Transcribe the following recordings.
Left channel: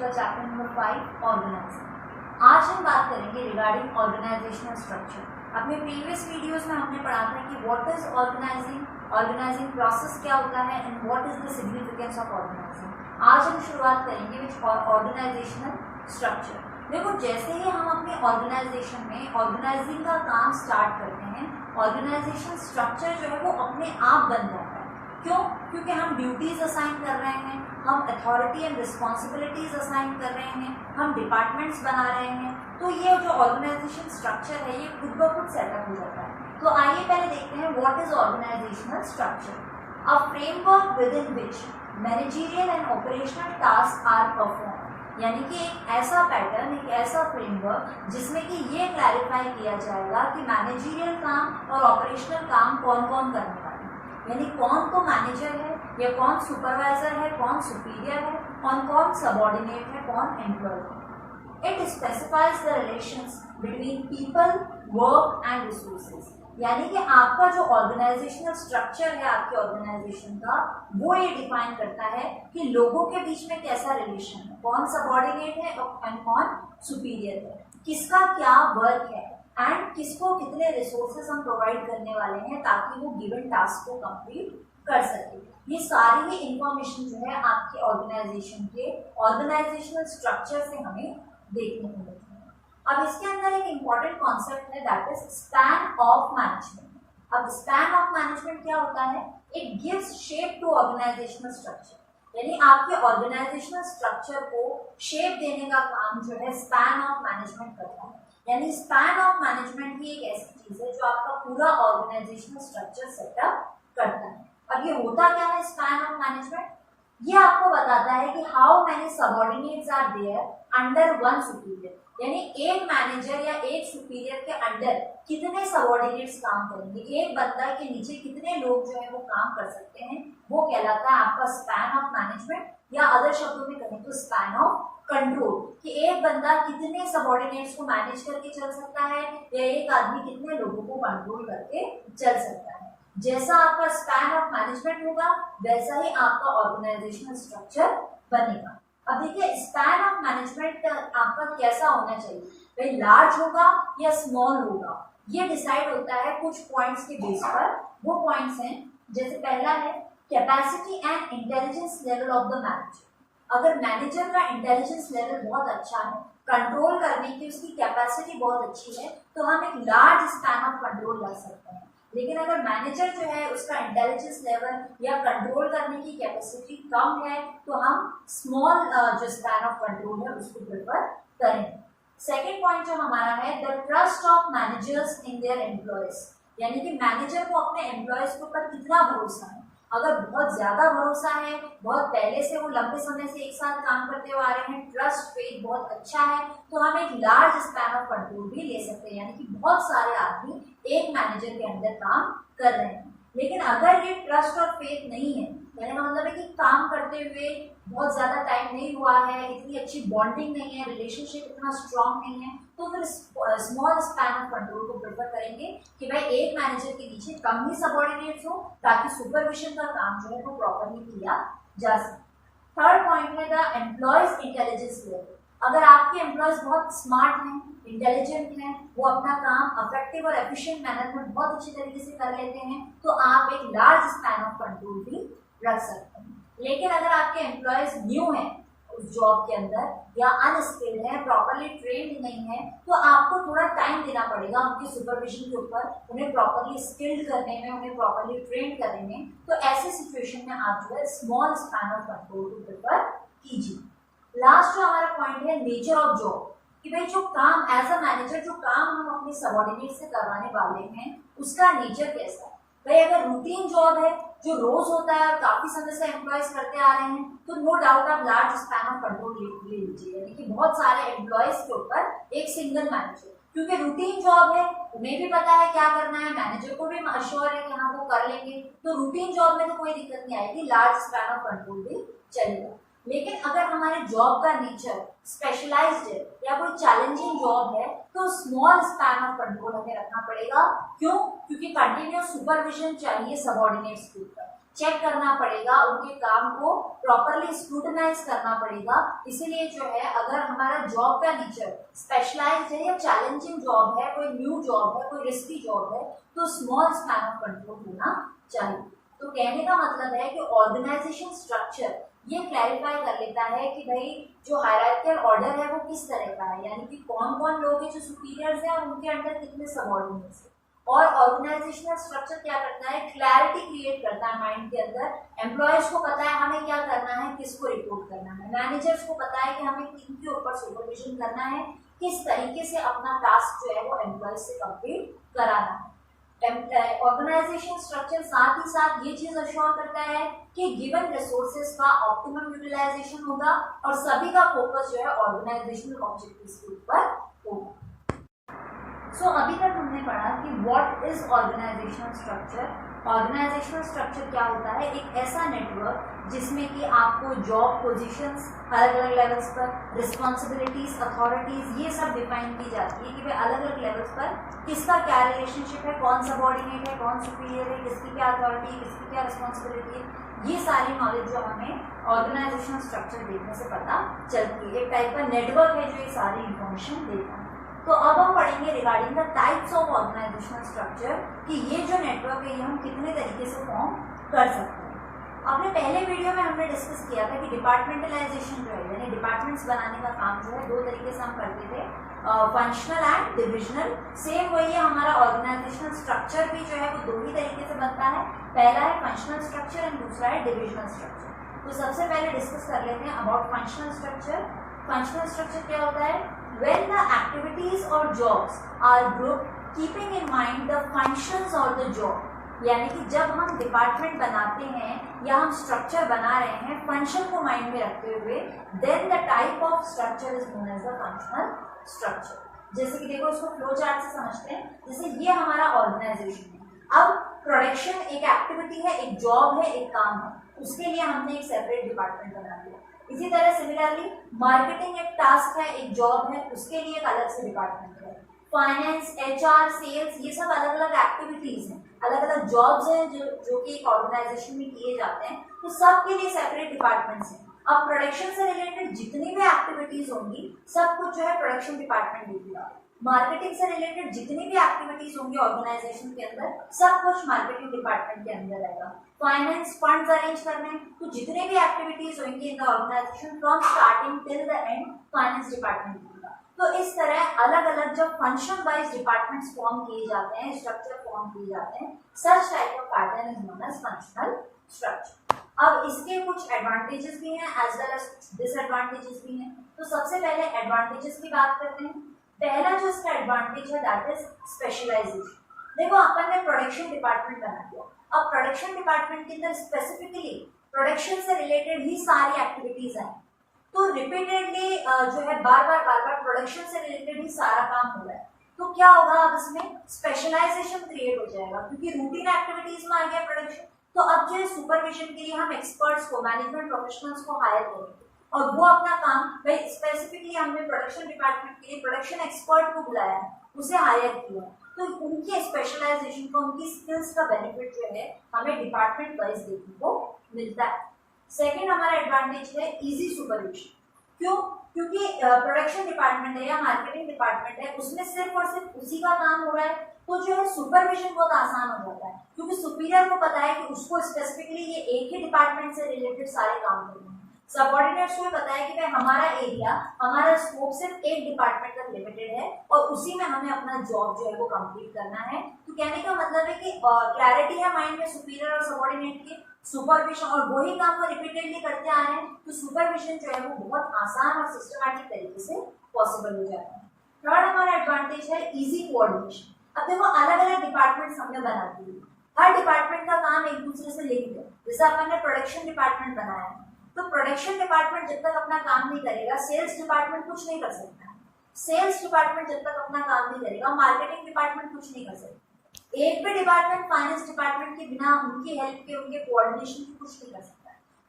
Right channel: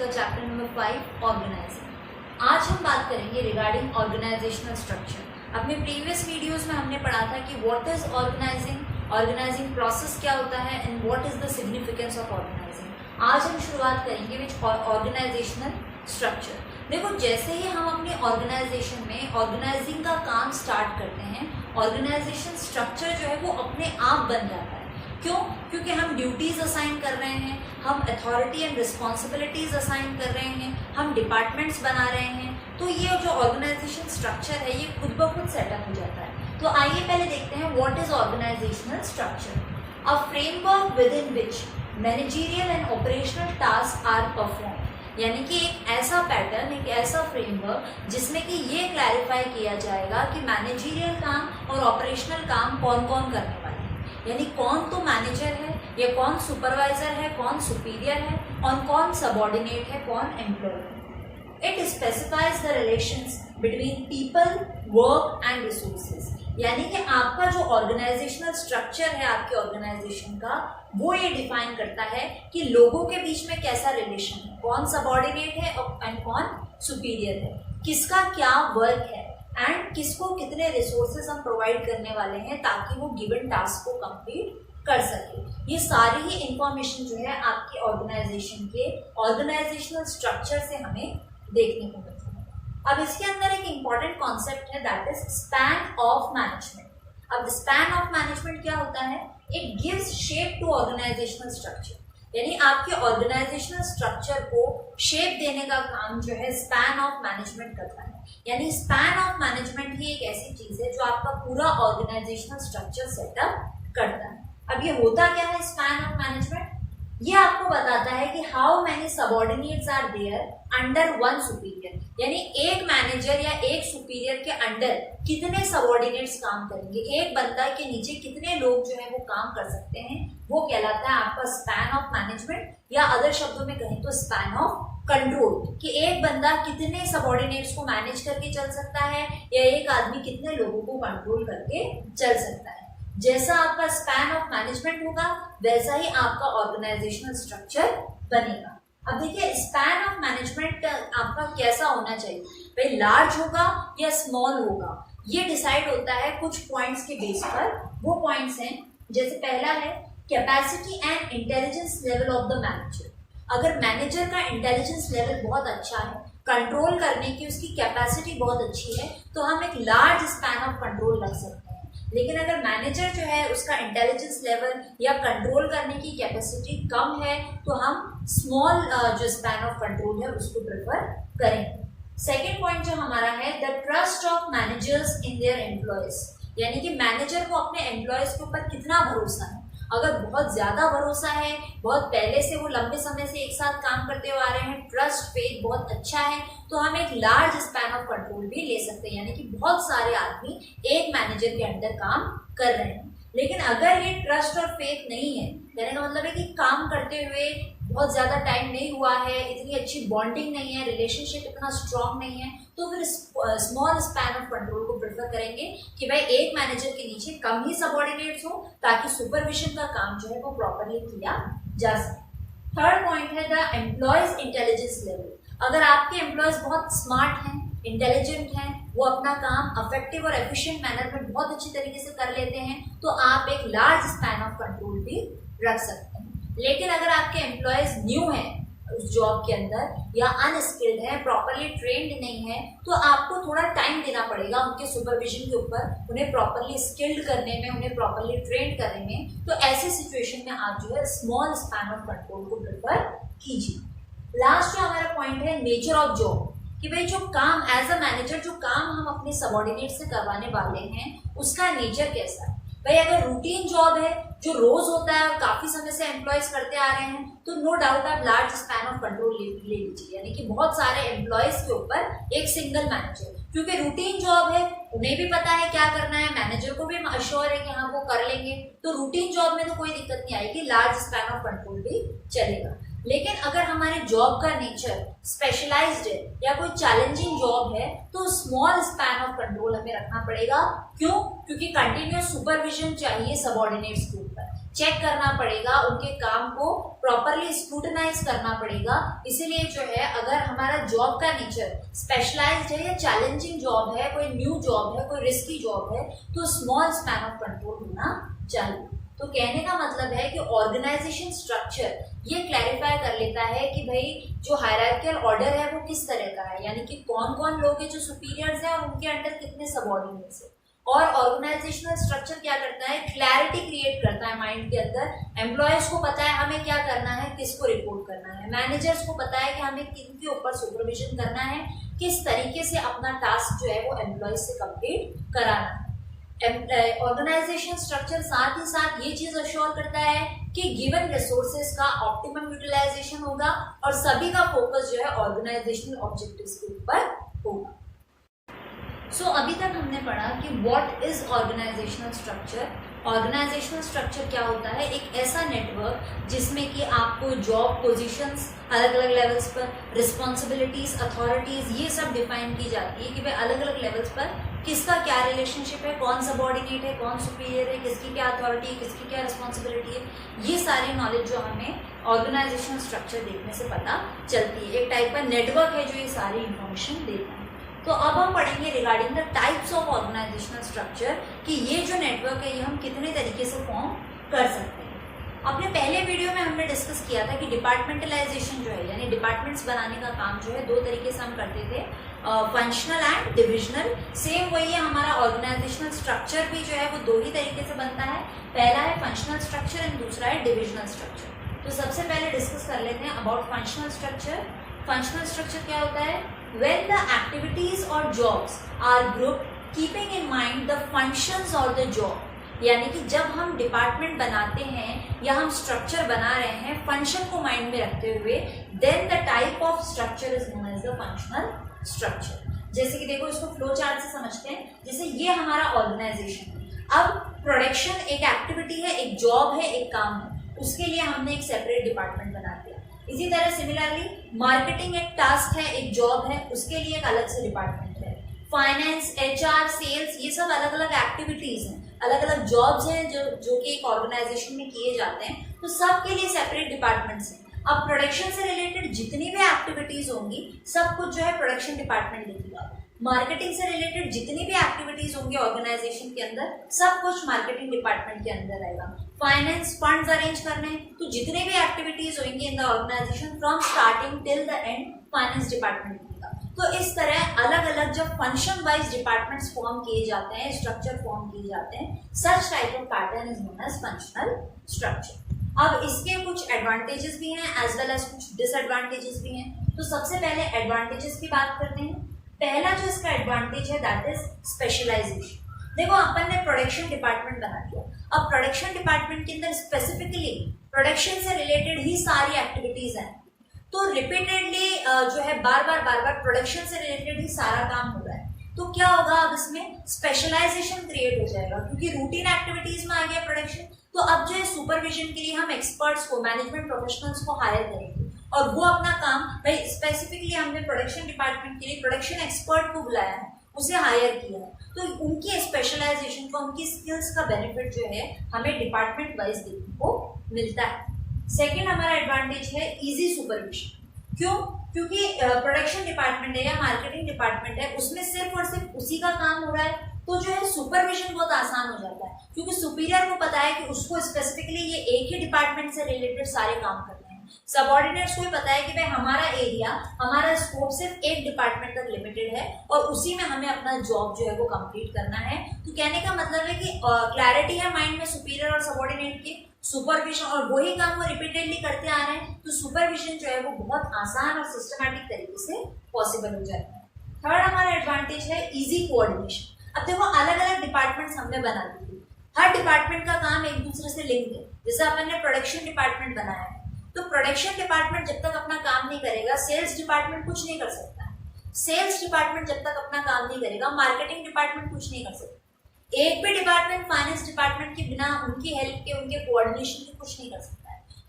the chapter number 5 organizing. आज हम बात करेंगे रिगार्डिंग ऑर्गेनाइजेशनल स्ट्रक्चर. अपने प्रीवियस वीडियोस में हमने पढ़ा था कि व्हाट इज ऑर्गेनाइजिंग प्रोसेस क्या होता है and what is the significance of organising. आज हम शुरुआत करेंगे विच ऑर्गेनाइजेशनल स्ट्रक्चर. देखो, जैसे ही हम अपने ऑर्गेनाइजेशन में ऑर्गेनाइजिंग का काम स्टार्ट करते हैं, ऑर्गेनाइजेशन स्ट्रक्चर जो है वो अपने आप बन जाता है. क्यों? क्योंकि हम ड्यूटीज असाइन कर रहे हैं, हम अथॉरिटी एंड रिस्पॉन्सिबिलिटीज असाइन कर रहे हैं, हम डिपार्टमेंट्स बना रहे हैं. तो ये जो ऑर्गेनाइजेशन स्ट्रक्चर है ये खुद ब खुद सेटअप हो जाता है. तो आइए पहले देखते हैं what is organisational structure. A framework with in which managerial and operational task are perform. यानी कि एक ऐसा पैटर्न, एक ऐसा फ्रेमवर्क जिसमें कि ये क्लैरिफाई किया जाएगा कि मैनेजरियल काम और ऑपरेशनल काम कौन कौन करने वाले हैं. यानी कौन तो मैनेजर है या कौन सुपरवाइजर है, कौन सुपीरियर है और कौन सबऑर्डिनेट है, कौन एम्प्लॉय है. It specifies the relations between people, work and resources. यानी कि आपका जो ऑर्गेनाइजेशनल स्ट्रक्चर है आपके ऑर्गेनाइजेशन का, वो ये डिफाइन करता है कि लोगों के बीच में कैसा रिलेशन है, कौन सबऑर्डिनेट है एंड कौन सुपीरियर है, किसका क्या वर्क है एंड किसको कितने रिसोर्सेज हम प्रोवाइड करने वाले हैं ताकि वो गिवन टास्क को कंप्लीट कर सके. ये सारी ही इंफॉर्मेशन जो है आपके ऑर्गेनाइजेशन के ऑर्गेनाइजेशनल स्ट्रक्चर से हमें देखने को मिलती है. अब इसके अंदर एक इम्पॉर्टेंट कॉन्सेप्ट है, that is span of management. अब स्पैन ऑफ मैनेजमेंट क्या होता है? It gives shape to organisational structure. यानी आपके ऑर्गेनाइजेशनल स्ट्रक्चर को शेप देने का काम जो है स्पैन ऑफ मैनेजमेंट करता है. यानी स्पैन ऑफ मैनेजमेंट ही एक ऐसी चीज है जो आपका पूरा ऑर्गेनाइजेशनल स्ट्रक्चर सेटअप करता है. अब ये होता क्या है स्पैन ऑफ मैनेजमेंट? ये आपको बताता है कि how many subordinates are there under one superior. यानी एक मैनेजर या एक सुपीरियर के अंडर कितने सबऑर्डिनेट्स काम करेंगे, एक बंदा के नीचे कितने लोग जो है वो काम कर सकते हैं, वो कहलाता है आपका स्पैन ऑफ मैनेजमेंट. या अदर शब्दों में कहें तो स्पैन ऑफ कंट्रोल, कि एक बंदा कितने सबऑर्डिनेट्स को मैनेज करके चल सकता है या एक आदमी कितने लोगों को कंट्रोल करके चल सकता है. जैसा आपका स्पैन ऑफ मैनेजमेंट होगा वैसा ही आपका ऑर्गेनाइजेशनल स्ट्रक्चर बनेगा. अब देखिए, स्पैन ऑफ मैनेजमेंट आपका कैसा होना चाहिए, भाई लार्ज होगा या स्मॉल होगा, ये डिसाइड होता है कुछ पॉइंट्स के बेस पर. वो पॉइंट्स हैं, जैसे पहला है capacity and intelligence level of the manager. अगर मैनेजर का इंटेलिजेंस लेवल बहुत अच्छा है, कंट्रोल करने की उसकी कैपेसिटी बहुत अच्छी है, तो हम एक लार्ज स्पैन ऑफ कंट्रोल रख सकते हैं. लेकिन अगर मैनेजर जो है उसका इंटेलिजेंस लेवल या कंट्रोल करने की कैपेसिटी कम है तो हम स्मॉल जो स्पैन ऑफ कंट्रोल है उसको प्रेफर करेंगे. सेकेंड पॉइंट जो हमारा है, the trust of managers in their employees. यानी कि मैनेजर को अपने एम्प्लॉयज के ऊपर कितना भरोसा है. अगर बहुत ज्यादा भरोसा है, बहुत पहले से वो लंबे समय से एक साथ काम करते हुए आ रहे हैं, ट्रस्ट फेथ बहुत अच्छा है, तो हम एक लार्ज स्पैन ऑफ कंट्रोल भी ले सकते हैं. यानी कि बहुत सारे आदमी एक मैनेजर के अंदर काम कर रहे हैं. लेकिन अगर ये ट्रस्ट और फेथ नहीं है, कहने का मतलब है कि काम करते हुए बहुत ज्यादा टाइम नहीं हुआ है, इतनी अच्छी बॉन्डिंग नहीं है, रिलेशनशिप इतना स्ट्रांग नहीं है, तो फिर स्मॉल स्पैन ऑफ कंट्रोल को प्रेफर करेंगे कि भाई एक मैनेजर के नीचे कम ही सबऑर्डिनेट्स हो ताकि सुपरविजन का काम जो है वो प्रॉपरली किया जा सके. थर्ड पॉइंट है द एम्प्लॉयज इंटेलिजेंस लेवल. अगर आपके एम्प्लॉयज बहुत स्मार्ट हैं, इंटेलिजेंट हैं, वो अपना काम इफेक्टिव और एफिशिएंट मैनर में बहुत अच्छी तरीके से कर लेते हैं, तो आप एक लार्ज स्पैन ऑफ कंट्रोल भी रख सकते हैं. लेकिन अगर आपके एम्प्लॉयज न्यू हैं उस जॉब के अंदर या अनस्किल्ड है, प्रॉपरली ट्रेंड नहीं है, तो आपको थोड़ा टाइम देना पड़ेगा उनके सुपरविजन के ऊपर, उन्हें प्रॉपरली स्किल्ड करने में, उन्हें प्रॉपरली ट्रेंड करने में. तो ऐसे सिचुएशन में आप जो है स्मॉल स्पैन ऑफ कंट्रोल को प्रेफर कीजिए. लास्ट जो हमारा पॉइंट है नेचर ऑफ जॉब, कि भाई जो काम एज अ मैनेजर जो काम हम अपने सबऑर्डिनेट से करवाने वाले हैं उसका नेचर कैसा है. भाई अगर रूटीन जॉब है जो रोज होता है और काफी समय से एम्प्लॉयज करते आ रहे हैं, तो नो डाउट आप लार्ज स्पैन ऑफ कंट्रोल ले लीजिए. यानी कि बहुत सारे एम्प्लॉयज के ऊपर एक सिंगल मैनेजर, क्योंकि रूटीन जॉब है, उन्हें भी पता है क्या करना है, मैनेजर को भी अश्योर है कि हाँ वो कर लेंगे, तो रूटीन जॉब में तो कोई दिक्कत नहीं आएगी, लार्ज स्पैन ऑफ कंट्रोल भी चलेगा. लेकिन अगर हमारे जॉब का नेचर स्पेशलाइज्ड है या कोई चैलेंजिंग जॉब है तो स्मॉल स्पैन ऑफ कंट्रोल हमें रखना पड़ेगा। क्यों? क्योंकि कंटिन्यूस सुपरविजन चाहिए सबऑर्डिनेट्स के ऊपर, चेक करना पड़ेगा, उनके काम को प्रॉपरली स्क्रूटनाइज करना पड़ेगा। इसीलिए जो है अगर हमारा जॉब का नेचर स्पेशलाइज्ड है या चैलेंजिंग जॉब है, कोई न्यू जॉब है, कोई रिस्की जॉब है, तो स्मॉल स्पैन ऑफ कंट्रोल होना चाहिए। तो कहने का मतलब है कि ऑर्गेनाइजेशन स्ट्रक्चर ये क्लैरिफाई कर लेता है कि भाई जो हायरार्कियल ऑर्डर है वो किस तरह का है, यानी कि कौन कौन लोग हैं जो सुपीरियर्स हैं और उनके अंडर कितने सबऑर्डिनेट्स हैं। और ऑर्गेनाइजेशनल स्ट्रक्चर क्या करता है, क्लैरिटी क्रिएट करता है माइंड के अंदर। एम्प्लॉयज को पता है हमें क्या करना है, किसको रिपोर्ट करना है, मैनेजर्स को पता है कि हमें किन के ऊपर सुपरविजन करना है, किस तरीके से अपना टास्क जो है वो एम्प्लॉयज से कंप्लीट कराना है। ऑर्गेनाइजेशन स्ट्रक्चर साथ ही साथ ये चीज अश्योर करता है कि गिवन रिसोर्सेज का ऑप्टिमम यूटिलाइजेशन होगा और सभी का फोकस जो है ऑर्गेनाइजेशनल ऑब्जेक्टिव्स के ऊपर होगा। सो अभी तक हमने पढ़ा कि what is organisational structure. Organisational structure क्या होता है, एक ऐसा नेटवर्क जिसमें कि आपको जॉब पोजीशंस अलग अलग लेवल्स पर, रिस्पॉन्सिबिलिटीज, अथॉरिटीज ये सब डिफाइन की जाती है कि भाई अलग अलग लेवल्स पर किसका क्या रिलेशनशिप है, कौन सबऑर्डिनेट है, कौन सुपीरियर है, किसकी क्या अथॉरिटी है, किसकी क्या रिस्पॉन्सिबिलिटी है। ये सारी नॉलेज जो हमें ऑर्गेनाइजेशनल स्ट्रक्चर देखने से पता चलती है। एक टाइप का नेटवर्क है जो ये सारी इंफॉर्मेशन देता है। तो अब हम पढ़ेंगे regarding the types of organisational structure कि ये जो नेटवर्क है ये हम कितने तरीके से फॉर्म कर सकते हैं। अपने पहले वीडियो में हमने डिस्कस किया था कि डिपार्टमेंटलाइजेशन जो है यानी डिपार्टमेंट्स बनाने का काम जो है दो तरीके से हम करते थे, फंक्शनल एंड डिविजनल। सेम वही है, हमारा ऑर्गेनाइजेशनल स्ट्रक्चर भी जो है वो दो ही तरीके से बनता है, पहला है फंक्शनल स्ट्रक्चर एंड दूसरा है डिविजनल स्ट्रक्चर। तो सबसे पहले डिस्कस कर लेते हैं about functional structure. Functional structure क्या होता है, when the activities or jobs are grouped keeping in mind the functions or the job, यानी कि जब हम डिपार्टमेंट बनाते हैं या हम स्ट्रक्चर बना रहे हैं फंक्शन को माइंड में रखते हुए, then the type of structure is known as the functional structure. जैसे कि देखो इसको फ्लो चार्ट से समझते हैं। जैसे ये हमारा ऑर्गेनाइजेशन है, अब प्रोडक्शन एक एक्टिविटी है, एक जॉब है, एक काम है, उसके लिए हमने एक सेपरेट डिपार्टमेंट बना दिया। इसी तरह सिमिलरली मार्केटिंग एक टास्क है, एक जॉब है, उसके लिए एक अलग से डिपार्टमेंट है। फाइनेंस, एचआर, सेल्स ये सब अलग अलग एक्टिविटीज हैं, अलग अलग जॉब्स हैं जो कि एक ऑर्गेनाइजेशन में किए जाते हैं, तो सबके लिए सेपरेट डिपार्टमेंट्स हैं। अब प्रोडक्शन से रिलेटेड जितनी भी एक्टिविटीज होंगी सब कुछ जो है प्रोडक्शन डिपार्टमेंट देखेगा। मार्केटिंग से रिलेटेड जितनी भी एक्टिविटीज होंगी ऑर्गेनाइजेशन के अंदर सब कुछ मार्केटिंग डिपार्टमेंट के अंदर आएगा। फाइनेंस, फंड्स अरेंज करने, तो जितने भी एक्टिविटीज होंगी in the organisation from starting till the end finance department का। तो इस तरह अलग अलग जब फंक्शन वाइज डिपार्टमेंट्स फॉर्म किए जाते हैं, स्ट्रक्चर फॉर्म किए जाते हैं, such type of pattern is known as functional structure. अब इसके कुछ एडवांटेजेस भी हैं एज वेल एज कुछ डिसएडवांटेजेस भी हैं। तो सबसे पहले एडवांटेजेस की बात करते हैं। पहला जो इसका एडवांटेज है दैट इज स्पेशलाइजेशन। देखो अपन ने प्रोडक्शन डिपार्टमेंट बना दिया, अब प्रोडक्शन डिपार्टमेंट के अंदर स्पेसिफिकली प्रोडक्शन से रिलेटेड ही सारी एक्टिविटीज हैं, तो रिपीटेडली जो है बार बार प्रोडक्शन से रिलेटेड ही सारा काम हो रहा है, तो क्या होगा अब इसमें स्पेशलाइजेशन क्रिएट हो जाएगा क्योंकि रूटीन एक्टिविटीज में आ गया प्रोडक्शन। तो अब जो है सुपरविजन के लिए हम एक्सपर्ट्स को, मैनेजमेंट प्रोफेशनल्स को हायर करेंगे और वो अपना काम भाई स्पेसिफिकली हमने प्रोडक्शन डिपार्टमेंट के लिए प्रोडक्शन एक्सपर्ट को बुलाया है, उसे हायर किया है, तो उनकी स्पेशलाइजेशन का, उनकी स्किल्स का बेनिफिट जो है हमें डिपार्टमेंट वाइज देखने को मिलता है। सेकेंड हमारा एडवांटेज है इजी सुपरविजन। क्यों? क्योंकि प्रोडक्शन डिपार्टमेंट है या मार्केटिंग डिपार्टमेंट है, उसमें सिर्फ और सिर्फ उसी का काम हो रहा है, तो जो है सुपरविजन बहुत आसान हो जाता है क्योंकि सुपीरियर को पता है कि उसको स्पेसिफिकली ये एक ही डिपार्टमेंट से रिलेटेड सारे काम करने हैं। सबऑर्डिनेट्स को पता है कि भाई हमारा एरिया, हमारा स्कोप सिर्फ एक डिपार्टमेंट तक लिमिटेड है और उसी में हमें अपना जॉब जो है वो कंप्लीट करना है। तो कहने का मतलब है कि क्लैरिटी है माइंड में सुपीरियर और सबऑर्डिनेट की, सुपरविजन और वही काम वो रिपीटेडली करते आ रहे हैं, तो सुपरविजन जो है वो बहुत आसान और सिस्टमैटिक तरीके से पॉसिबल हो जाता है। थर्ड हमारा एडवांटेज है इजी कोऑर्डिनेशन। अब देखो अलग अलग डिपार्टमेंट्स हमने बना दिए, हर डिपार्टमेंट का काम एक दूसरे से लिंक है। जैसे अपन ने प्रोडक्शन डिपार्टमेंट बनाया है, तो प्रोडक्शन डिपार्टमेंट जब तक अपना काम नहीं करेगा सेल्स डिपार्टमेंट कुछ नहीं कर सकता है। सेल्स डिपार्टमेंट जब तक अपना काम नहीं करेगा मार्केटिंग डिपार्टमेंट कुछ नहीं कर सकता। एक भी डिपार्टमेंट फाइनेंस डिपार्टमेंट के बिना उनकी हेल्प के, उनके कोऑर्डिनेशन के कुछ नहीं कर सकता है।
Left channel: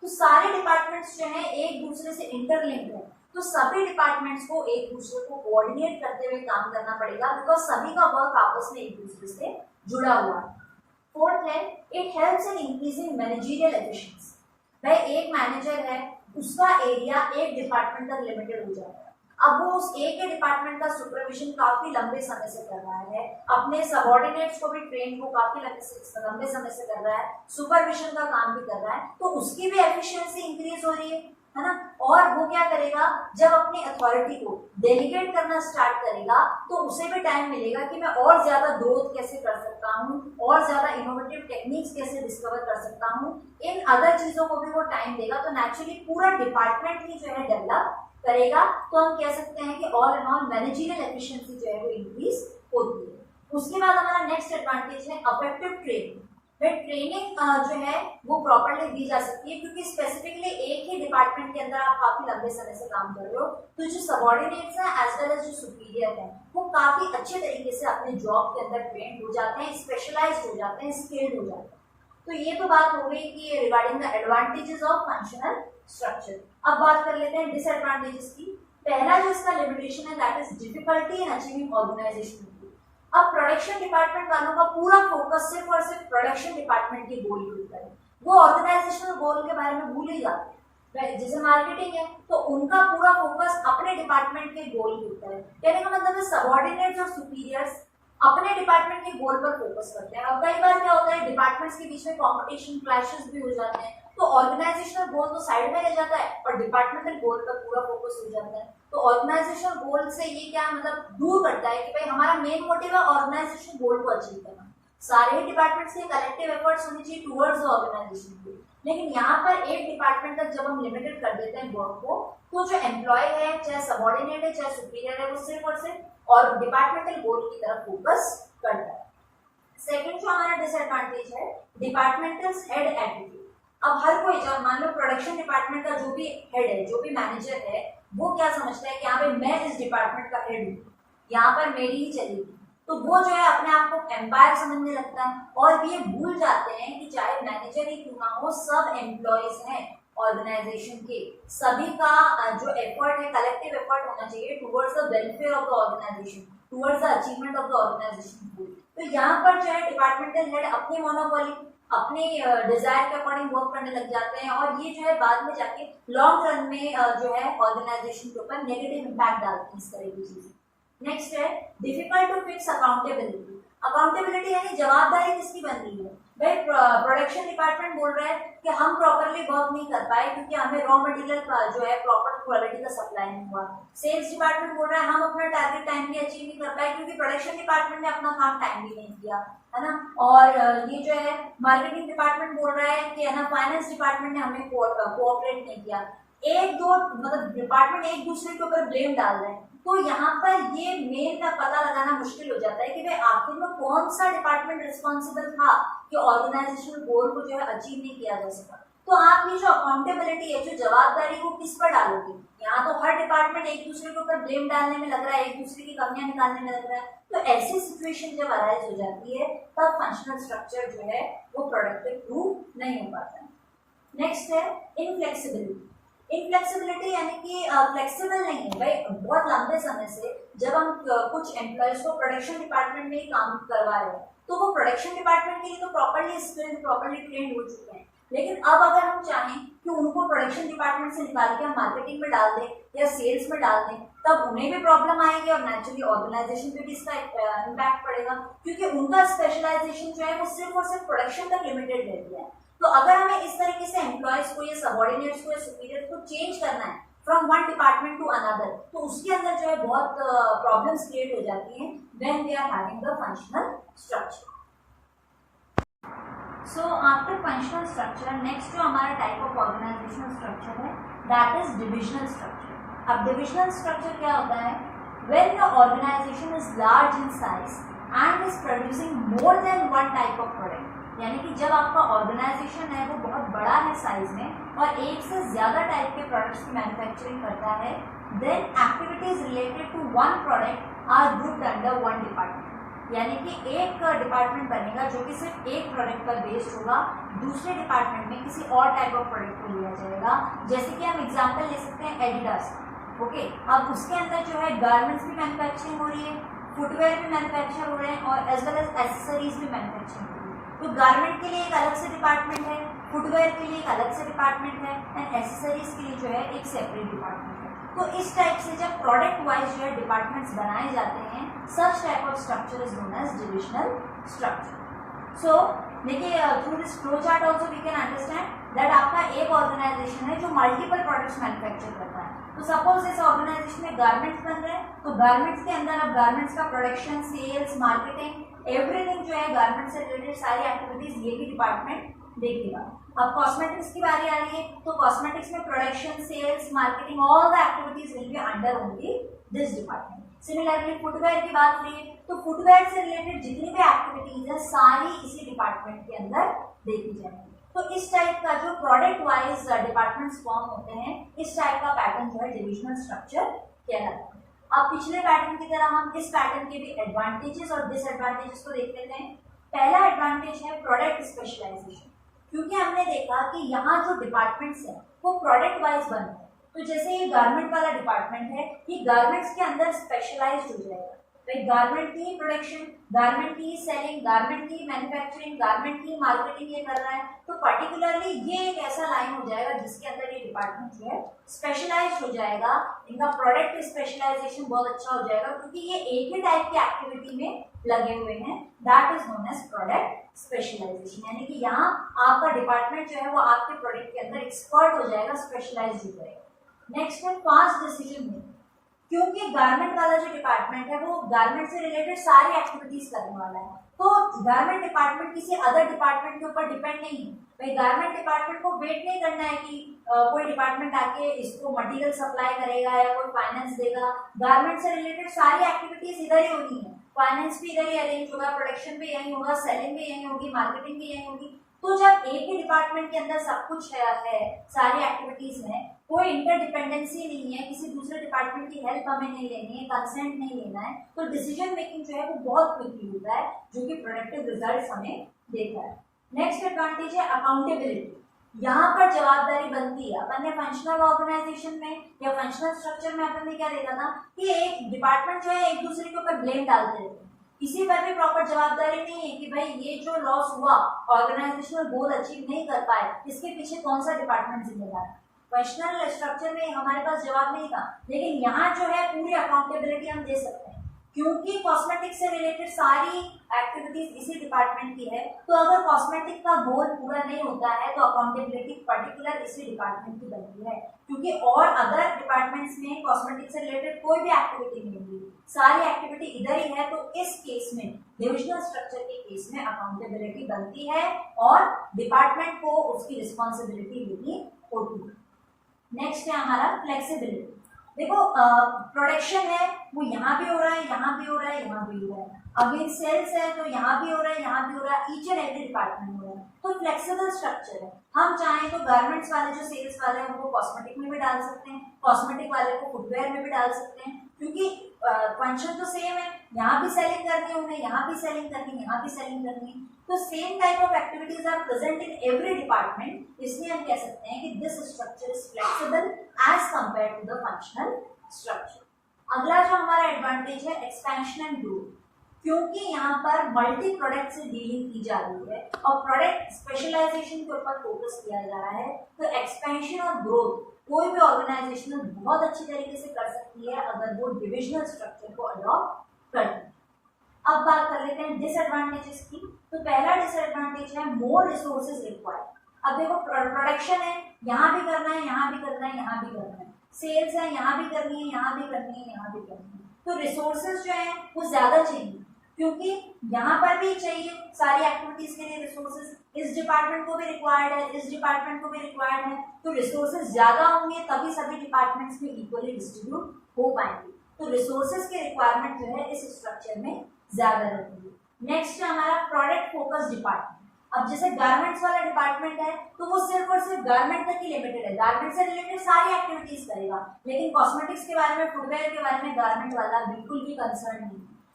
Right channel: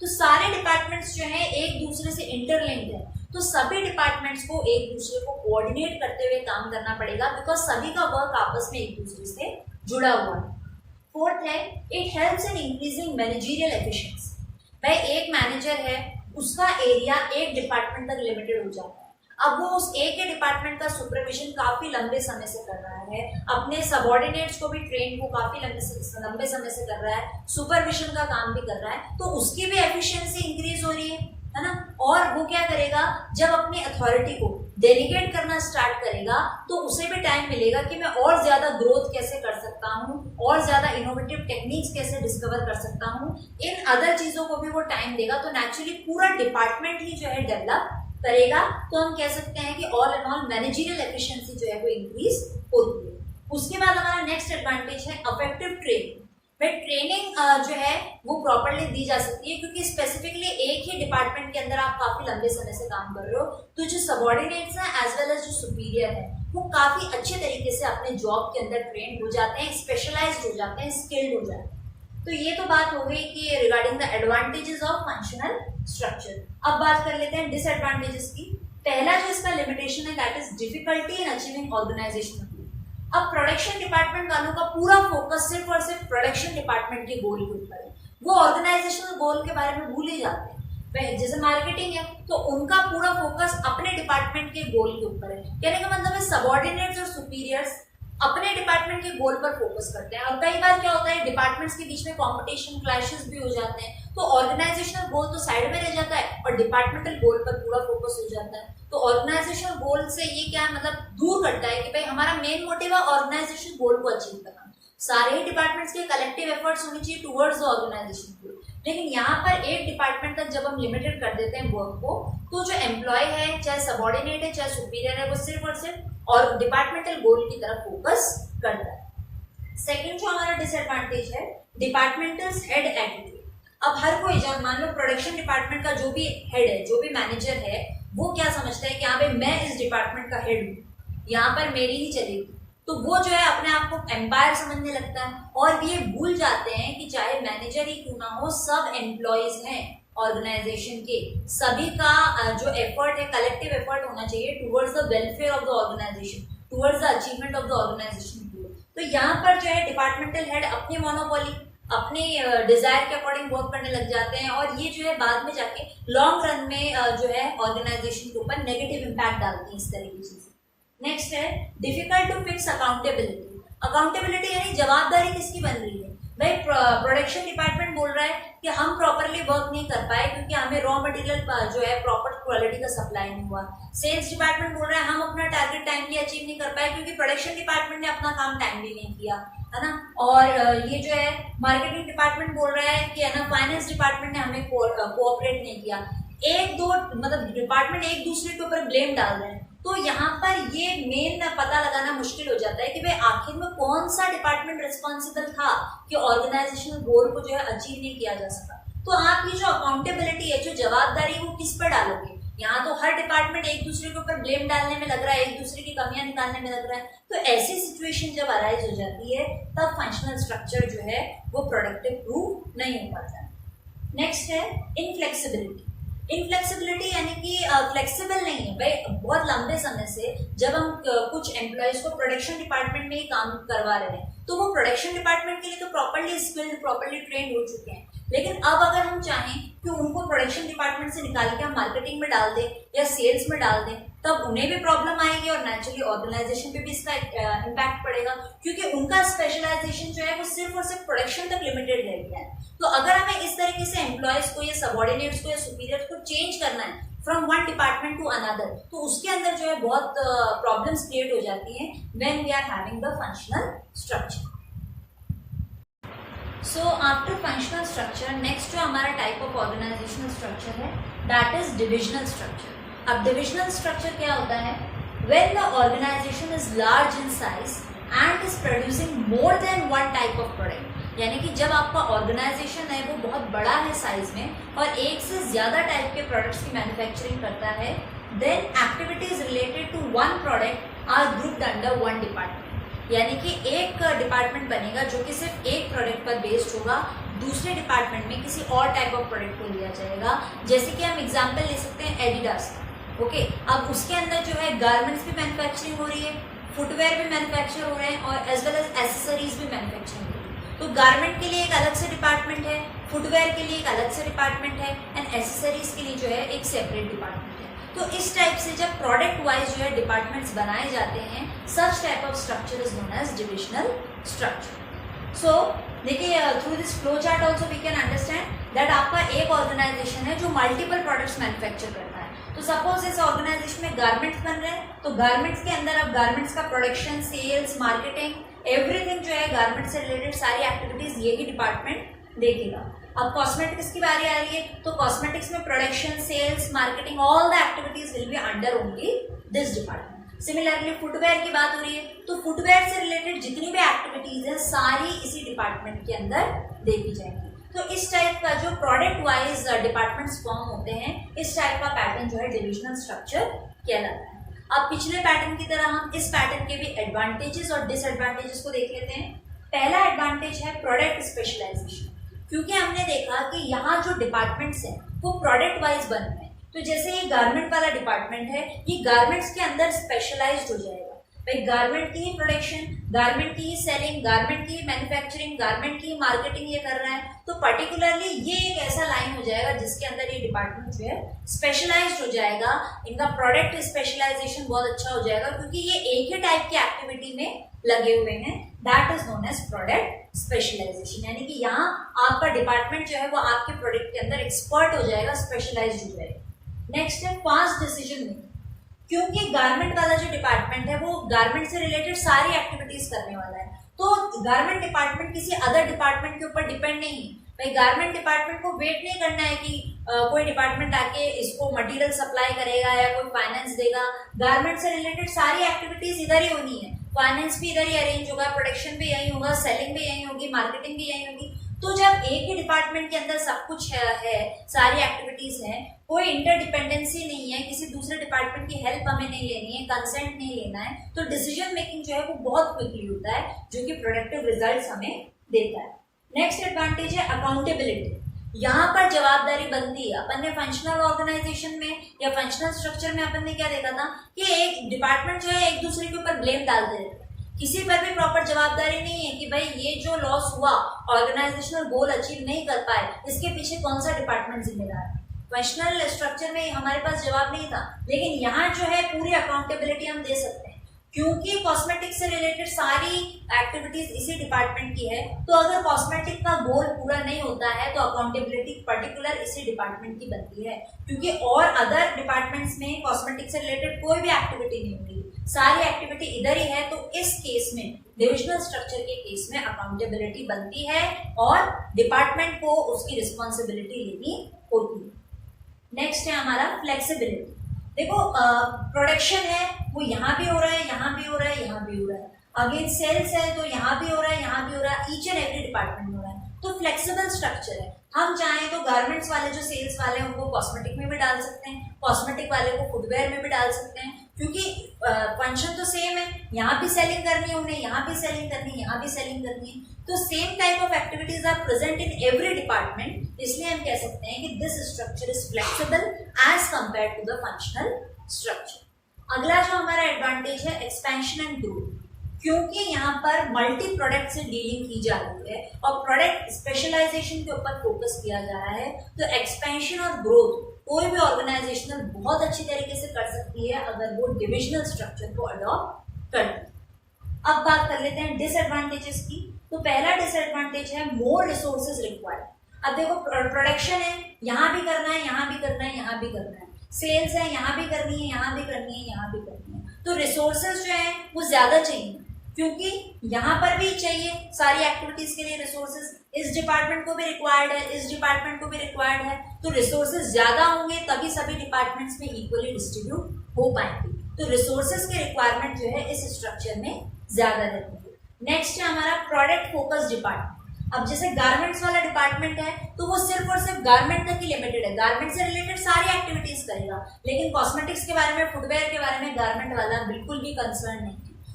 तो सारे डिपार्टमेंट्स जो हैं एक दूसरे से इंटरलिंक्ड है, तो सभी डिपार्टमेंट्स को एक दूसरे को कोऑर्डिनेट करते हुए काम करना पड़ेगा, बिकॉज सभी का वर्क आपस में एक दूसरे से जुड़ा हुआ है। फोर्थ है, it helps in increasing managerial efficiency. भाई एक मैनेजर है, उसका एरिया एक डिपार्टमेंट तक लिमिटेड हो जाता है, अब वो उस एक के डिपार्टमेंट का सुपरविजन काफी लंबे समय से कर रहा है, अपने सबऑर्डिनेट्स को भी ट्रेन को काफी लंबे समय से कर रहा है, सुपरविजन का काम भी कर रहा है, तो उसकी भी एफिशिएंसी इंक्रीज हो रही है ना। और वो क्या करेगा, जब अपनी अथॉरिटी को डेलीगेट करना स्टार्ट करेगा तो उसे भी टाइम मिलेगा कि मैं और ज्यादा ग्रोथ कैसे कर सकता हूँ, और ज्यादा इनोवेटिव टेक्निक्स कैसे डिस्कवर कर सकता हूँ, इन अदर चीजों को भी वो टाइम देगा, तो नेचुरली पूरा डिपार्टमेंट ही जो है डेवलप करेगा। तो हम कह सकते हैं कि all in all managerial efficiency जो है वो इंक्रीज होती है। उसके बाद हमारा नेक्स्ट एडवांटेज है अफेक्टिव ट्रेनिंग। ट्रेनिंग जो है वो प्रॉपरली दी जा सकती है, क्योंकि स्पेसिफिकली एक ही डिपार्टमेंट के अंदर आप काफी लंबे समय से काम कर रहे हो, तो जो सबऑर्डिनेट्स हैं एज वेल एज जो सुपीरियर है वो काफी अच्छे तरीके से अपने जॉब के अंदर ट्रेंड हो जाते हैं, स्पेशलाइज्ड हो जाते हैं, स्किल्ड हो जाते हैं। तो ये तो बात हो गई कि regarding the advantages of functional structure. अब बात कर लेते हैं डिसएडवांटेजेस की। पहला जो इसका लिमिटेशन है that is difficulty in achieving organisational गोल। अब प्रोडक्शन डिपार्टमेंट वालों का पूरा फोकस सिर्फ और सिर्फ प्रोडक्शन डिपार्टमेंट के गोल के ऊपर है, वो ऑर्गेनाइजेशनल गोल के बारे में भूल ही जाते हैं। जैसे मार्केटिंग है तो उनका पूरा फोकस अपने डिपार्टमेंट के गोल के ऊपर है, कहने का मतलब है सबऑर्डिनेट्स और सुपीरियर्स अपने डिपार्टमेंट के गोल पर फोकस करते हैं, और कई बार क्या होता है डिपार्टमेंट्स के बीच में कंपटीशन क्लैशेस भी हो जाते हैं, तो ऑर्गेनाइजेशनल गोल तो साइड में रह जाता है और डिपार्टमेंटल गोल पर पूरा फोकस हो जाता है। तो ऑर्गेनाइजेशनल गोल से ये क्या मतलब दूर करता है कि भाई हमारा मेन मोटिव है ऑर्गेनाइजेशन गोल को अचीव करना, सारे ही डिपार्टमेंट्स के कलेक्टिव एफर्ट्स होने चाहिए टुवर्ड्स द ऑर्गेनाइजेशन गोल। लेकिन यहाँ पर एक डिपार्टमेंट तक जब हम लिमिटेड कर देते हैं वर्क को, तो जो एम्प्लॉय है चाहे सबऑर्डिनेट है चाहे सुपीरियर है, वो सिर्फ और सिर्फ और डिपार्टमेंटल गोल की तरफ फोकस करता है। सेकंड जो हमारा डिसएडवांटेज है डिपार्टमेंटल हेड एटीट्यूड। अब हर कोई जब मान लो प्रोडक्शन डिपार्टमेंट का जो भी हेड है, जो भी मैनेजर है, वो क्या समझता है कि यहाँ पे मैं इस डिपार्टमेंट का हेड हूँ, यहाँ पर मेरी ही चलेगी, तो वो जो है अपने आप को एम्पायर समझने लगता है, और ये भूल जाते हैं कि चाहे मैनेजर ही क्यों ना हो, सब एम्प्लॉयज हैं ऑर्गेनाइजेशन के, सभी का जो एफर्ट है कलेक्टिव एफर्ट होना चाहिए towards the welfare of the organisation, towards the achievement of the organisation गोल। तो यहाँ पर जो है डिपार्टमेंटल हेड अपनी मोनोपोली अपने डिजायर के अकॉर्डिंग वर्क करने लग जाते हैं, और ये जो है बाद में जाके लॉन्ग रन में जो है ऑर्गेनाइजेशन के ऊपर नेगेटिव इम्पैक्ट डालती है इस तरह की चीजें। नेक्स्ट है difficult to fix accountability. Accountability यानी जवाबदारी किसकी बन रही है, भाई प्रोडक्शन डिपार्टमेंट बोल रहा है कि हम प्रॉपरली वर्क नहीं कर पाए क्योंकि हमें रॉ मटेरियल जो है प्रॉपर क्वालिटी का सप्लाई नहीं हुआ। सेल्स डिपार्टमेंट बोल रहा है हम अपना टारगेट टाइमली अचीव नहीं कर पाए क्योंकि प्रोडक्शन डिपार्टमेंट ने अपना काम टाइमली नहीं किया, है ना। और ये जो है मार्केटिंग डिपार्टमेंट बोल रहा है कि है ना फाइनेंस डिपार्टमेंट ने हमें कोऑपरेट नहीं किया। एक दो मतलब डिपार्टमेंट एक दूसरे के ऊपर ब्लेम डाल रहे हैं, तो यहाँ पर ये मेन पता लगाना मुश्किल हो जाता है कि भाई आखिर में कौन सा डिपार्टमेंट रिस्पॉन्सिबल था कि ऑर्गेनाइजेशनल गोल को जो है अचीव नहीं किया जा सका। तो आपकी जो अकाउंटेबिलिटी है, जो जवाबदारी, वो किस पर डालोगे। यहाँ तो हर डिपार्टमेंट एक दूसरे के ऊपर ब्लेम डालने में लग रहा है, एक दूसरे की कमियां निकालने में लग रहा है, तो ऐसी सिचुएशन जब अराइज हो जाती है तब फंक्शनल स्ट्रक्चर जो है वो प्रोडक्टिव प्रूव नहीं हो पाता। नेक्स्ट है इनफ्लेक्सिबिलिटी। इनफ्लेक्सिबिलिटी यानी कि फ्लेक्सिबल नहीं है भाई। बहुत लंबे समय से जब हम कुछ एम्प्लॉयज को प्रोडक्शन डिपार्टमेंट में ही काम करवा रहे हैं, तो वो प्रोडक्शन डिपार्टमेंट के लिए तो प्रॉपर्ली स्किल्ड प्रॉपर्ली ट्रेंड हो चुके हैं, लेकिन अब अगर हम चाहें कि उनको प्रोडक्शन डिपार्टमेंट से निकाल के हम मार्केटिंग में डाल दें या सेल्स में डाल दें, तब उन्हें भी प्रॉब्लम आएगी और नेचुरली ऑर्गेनाइजेशन पे भी इसका इम्पैक्ट पड़ेगा, क्योंकि उनका स्पेशलाइजेशन जो है वो सिर्फ और सिर्फ प्रोडक्शन तक लिमिटेड रह गया है। तो अगर हमें इस तरीके से एम्प्लॉयज को या सबऑर्डिनेट्स को या सुपीरियर्स को चेंज करना है from one department to another, तो उसके अंदर जो है बहुत प्रॉब्लम्स क्रिएट हो जाती हैं when we are having the functional structure. So after functional structure next जो हमारा टाइप ऑफ ऑर्गेनाइजेशनल स्ट्रक्चर है दैट इज डिविजनल स्ट्रक्चर। अब डिविजनल स्ट्रक्चर क्या होता है, when the organisation is large in size and is producing more than one type of product, यानी कि जब आपका ऑर्गेनाइजेशन है वो बहुत बड़ा है साइज में और एक से ज्यादा टाइप के प्रोडक्ट्स की मैन्युफैक्चरिंग करता है, then activities related to one product are grouped under one department. यानी कि एक डिपार्टमेंट बनेगा जो कि सिर्फ एक प्रोडक्ट पर बेस्ड होगा, दूसरे डिपार्टमेंट में किसी और टाइप ऑफ प्रोडक्ट को लिया जाएगा। जैसे कि हम एग्जांपल ले सकते हैं एडिडास, ओके। अब उसके अंदर जो है गारमेंट्स भी मैन्युफैक्चरिंग हो रही है, फुटवेयर भी मैन्युफैक्चर हो रहे हैं और एज वेल एज एसेसरीज भी मैन्युफैक्चरिंग हो रही है। तो गारमेंट के लिए एक अलग से डिपार्टमेंट है, फुटवेयर के लिए एक अलग से डिपार्टमेंट है एंड एसेसरीज के लिए जो है एक सेपरेट डिपार्टमेंट है। तो इस टाइप से जब प्रोडक्ट वाइज जो है डिपार्टमेंट्स बनाए जाते हैं, such type of structure is known as divisional structure. सो देखिए, through this flow chart also we can understand that आपका एक ऑर्गेनाइजेशन है जो मल्टीपल प्रोडक्ट्स मैन्युफैक्चर करता है। तो सपोज इस ऑर्गेनाइजेशन में गारमेंट्स बन रहे हैं, तो गारमेंट्स के अंदर अब गारमेंट्स का प्रोडक्शन, सेल्स, मार्केटिंग, एवरीथिंग जो है गारमेंट्स से रिलेटेड सारी एक्टिविटीज ये ही डिपार्टमेंट देखेगा। अब कॉस्मेटिक्स की बारी आ रही है, तो कॉस्मेटिक्स में production, sales, marketing, all the activities will be under only this department. Similarly footwear की बात हो रही है, तो फुटवेयर से रिलेटेड जितनी भी एक्टिविटीज है सारी इसी डिपार्टमेंट के अंदर देखी जाएंगी। तो इस टाइप का जो प्रोडक्ट वाइज डिपार्टमेंट्स फॉर्म होते हैं, इस टाइप का पैटर्न जो है डिविजनल स्ट्रक्चर कहलाता है। अब पिछले पैटर्न की तरह हम इस पैटर्न के भी एडवांटेजेस और डिसएडवांटेजेस को देख लेते हैं। पहला एडवांटेज है प्रोडक्ट स्पेशलाइजेशन, क्योंकि हमने देखा कि यहाँ जो डिपार्टमेंट्स हैं वो प्रोडक्ट वाइज बनते हैं। तो जैसे ये गारमेंट वाला डिपार्टमेंट है, ये गारमेंट्स के अंदर स्पेशलाइज्ड हो जाएगा। भाई गारमेंट की ही प्रोडक्शन, गारमेंट की ही सेलिंग, गारमेंट की ही मैन्युफैक्चरिंग, गारमेंट की ही मार्केटिंग ये कर रहा है, तो पर्टिकुलरली ये एक ऐसा लाइन हो जाएगा जिसके अंदर ये डिपार्टमेंट जो है स्पेशलाइज्ड हो जाएगा। इनका प्रोडक्ट स्पेशलाइजेशन बहुत अच्छा हो जाएगा, क्योंकि ये एक ही टाइप की एक्टिविटी में लगे हुए हैं। That is known as product specialisation, यानी कि यहाँ आपका डिपार्टमेंट जो है वो आपके प्रोडक्ट के अंदर एक्सपर्ट हो जाएगा, स्पेशलाइज्ड हो जाएगा। नेक्स्ट है फास्ट डिसीजन मेकिंग, क्योंकि गारमेंट वाला जो डिपार्टमेंट है वो गारमेंट से रिलेटेड सारी एक्टिविटीज करने वाला है, तो गारमेंट डिपार्टमेंट किसी अदर डिपार्टमेंट के ऊपर डिपेंड नहीं है। भाई गारमेंट डिपार्टमेंट को वेट नहीं करना है कि कोई डिपार्टमेंट आके इसको मटेरियल सप्लाई करेगा या कोई फाइनेंस देगा। गारमेंट से रिलेटेड सारी एक्टिविटीज इधर ही होनी है, फाइनेंस भी इधर ही अरेंज होगा, प्रोडक्शन भी यही होगा, सेलिंग भी यही होगी, मार्केटिंग भी यही होगी। तो जब एक ही डिपार्टमेंट के अंदर सब कुछ है सारी एक्टिविटीज है, कोई इंटरडिपेंडेंसी नहीं है, किसी दूसरे डिपार्टमेंट की हेल्प हमें नहीं लेनी है, कंसेंट नहीं लेना है, तो डिसीजन मेकिंग जो है वो बहुत क्विकली होता है, जो कि प्रोडक्टिव रिजल्ट्स हमें देता है। नेक्स्ट एडवांटेज है अकाउंटेबिलिटी। यहाँ पर जवाबदारी बनती है। अपन ने फंक्शनल ऑर्गेनाइजेशन में या फंक्शनल स्ट्रक्चर में अपन ने क्या देखा था कि एक डिपार्टमेंट जो है एक दूसरे के ऊपर ब्लेम डालते रहते हैं, किसी पर भी प्रॉपर जवाबदारी नहीं है कि भाई ये जो लॉस हुआ, ऑर्गेनाइजेशनल गोल अचीव नहीं कर पाए, इसके पीछे कौन सा डिपार्टमेंट जिम्मेदार है। फंक्शनल स्ट्रक्चर में हमारे पास जवाब नहीं था, लेकिन यहाँ जो है पूरी अकाउंटेबिलिटी हम दे सकते हैं, क्योंकि कॉस्मेटिक से रिलेटेड सारी एक्टिविटीज इसी डिपार्टमेंट की है। तो अगर कॉस्मेटिक का गोल पूरा नहीं होता है तो अकाउंटेबिलिटी पर्टिकुलर इसी डिपार्टमेंट की बनती है, क्योंकि और अदर डिपार्टमेंट्स में कॉस्मेटिक से रिलेटेड कोई भी एक्टिविटी नहीं होगी, सारी एक्टिविटी इधर ही है। तो इस केस में, डिविजनल स्ट्रक्चर के केस में अकाउंटेबिलिटी बनती है और डिपार्टमेंट को उसकी रिस्पॉन्सिबिलिटी लेनी होती है। नेक्स्ट है हमारा फ्लेक्सिबिलिटी। देखो प्रोडक्शन है वो यहाँ भी हो रहा है, यहाँ भी हो रहा है, यहाँ भी हो रहा है। अगेन सेल्स है तो यहाँ भी हो रहा है, यहाँ भी हो रहा है, ईच एंड एवरी डिपार्टमेंट हो रहा है। तो फ्लेक्सिबल स्ट्रक्चर है। हम चाहें तो गारमेंट्स वाले जो सेल्स वाले हैं उनको कॉस्मेटिक में भी डाल सकते हैं, कॉस्मेटिक वाले को फुटवेयर में भी डाल सकते हैं, क्योंकि फंक्शन तो सेम है। यहाँ भी सेलिंग करनी है उन्हें, यहाँ भी सेलिंग करनी है, यहाँ भी सेलिंग करनी है। तो same type of activities are present in every department. इसलिए हम कह सकते हैं कि this structure is flexible as compare to the functional structure. अगला जो हमारा एडवांटेज है एक्सपेंशन एंड ग्रोथ, क्योंकि यहाँ पर मल्टी प्रोडक्ट से डीलिंग की जा रही है और प्रोडक्ट स्पेशलाइजेशन के ऊपर फोकस किया जा रहा है, तो एक्सपेंशन और ग्रोथ कोई भी ऑर्गेनाइजेशनल बहुत अच्छी तरीके से कर सकती है अगर वो डिविजनल स्ट्रक्चर को अडॉप्ट करती है। अब बात कर लेते हैं डिसएडवांटेजेस की। तो पहला डिसएडवांटेज है मोर रिसोर्सेज रिक्वायर्ड। अब देखो प्रोडक्शन है, यहाँ भी करना है, यहाँ भी करना है, यहाँ भी करना है, सेल्स है, यहाँ भी करनी है, यहाँ भी करनी है, यहाँ भी करनी है, तो रिसोर्सेज जो है वो ज्यादा चाहिए, क्योंकि यहाँ पर भी चाहिए सारी एक्टिविटीज के लिए रिसोर्सेज, इस डिपार्टमेंट को भी रिक्वायर्ड है, इस डिपार्टमेंट को भी रिक्वायर्ड है, तो रिसोर्सेज ज्यादा होंगे तभी सभी डिपार्टमेंट्स में इक्वली डिस्ट्रीब्यूट हो पाएंगे। तो रिसोर्सेज के रिक्वायरमेंट जो है इस स्ट्रक्चर में ज्यादा रहती है। नेक्स्ट है हमारा प्रोडक्ट फोकस डिपार्टमेंट। अब जैसे गारमेंट्स वाला डिपार्टमेंट है तो वो सिर्फ और सिर्फ गारमेंट तक ही लिमिटेड है, गारमेंट से रिलेटेड सारी एक्टिविटीज करेगा, लेकिन कॉस्मेटिक्स के बारे में, फुटवेयर के बारे में गारमेंट वाला बिल्कुल भी कंसर्न नहीं है।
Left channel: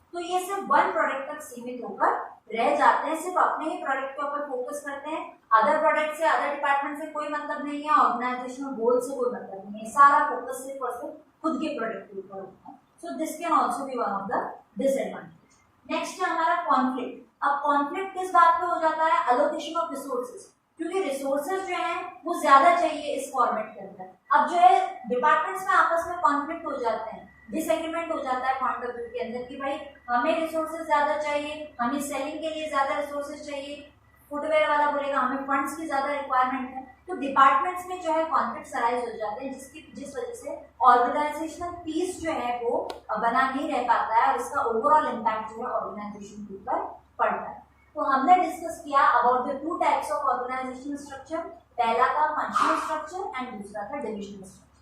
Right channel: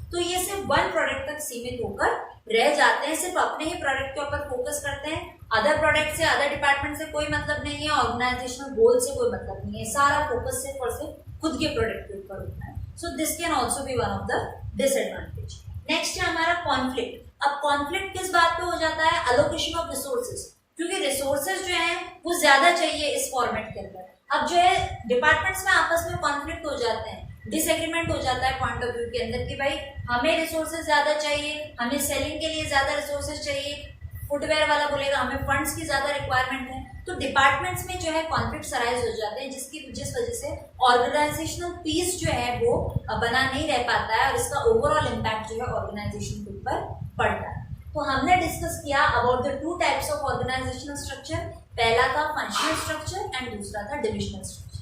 तो ये सिर्फ वन प्रोडक्ट तक सीमित होकर रह जाते हैं, सिर्फ अपने ही प्रोडक्ट के ऊपर फोकस करते हैं। अदर प्रोडक्ट से, अदर डिपार्टमेंट से कोई मतलब नहीं है, ऑर्गेनाइजेशनल गोल से कोई मतलब नहीं है, सारा फोकस सिर्फ और सिर्फ खुद के प्रोडक्ट के ऊपर होता है। So this can also be one of the disadvantage. Next है हमारा कॉन्फ्लिक्ट। अब कॉन्फ्लिक्ट किस बात पे हो जाता है? अलोकेशन ऑफ रिसोर्सेज, क्योंकि रिसोर्सेज जो है वो ज्यादा चाहिए इस फॉर्मेट के अंदर। अब जो है डिपार्टमेंट्स में आपस में कॉन्फ्लिक्ट हो जाते हैं, डिसएग्रीमेंट हो जाता है पॉइंट ऑफ व्यू के अंदर कि भाई हमें रिसोर्सेज ज्यादा चाहिए, हमें सेलिंग के लिए ज्यादा रिसोर्सेज चाहिए, फुटवेयर वाला बोलेगा हमें फंड्स की ज्यादा रिक्वायरमेंट है। तो डिपार्टमेंट्स में जो है कॉन्फ्लिक्ट अराइज हो जाते हैं, जिस वजह से ऑर्गेनाइजेशनल पीस जो है वो बना नहीं रह पाता है और इसका ओवरऑल इम्पैक्ट जो है ऑर्गेनाइजेशन के ऊपर पड़ता है। तो हमने डिस्कस किया about the two types of organisational structure. पहला था फंक्शनल स्ट्रक्चर एंड दूसरा था डिविजनल स्ट्रक्चर।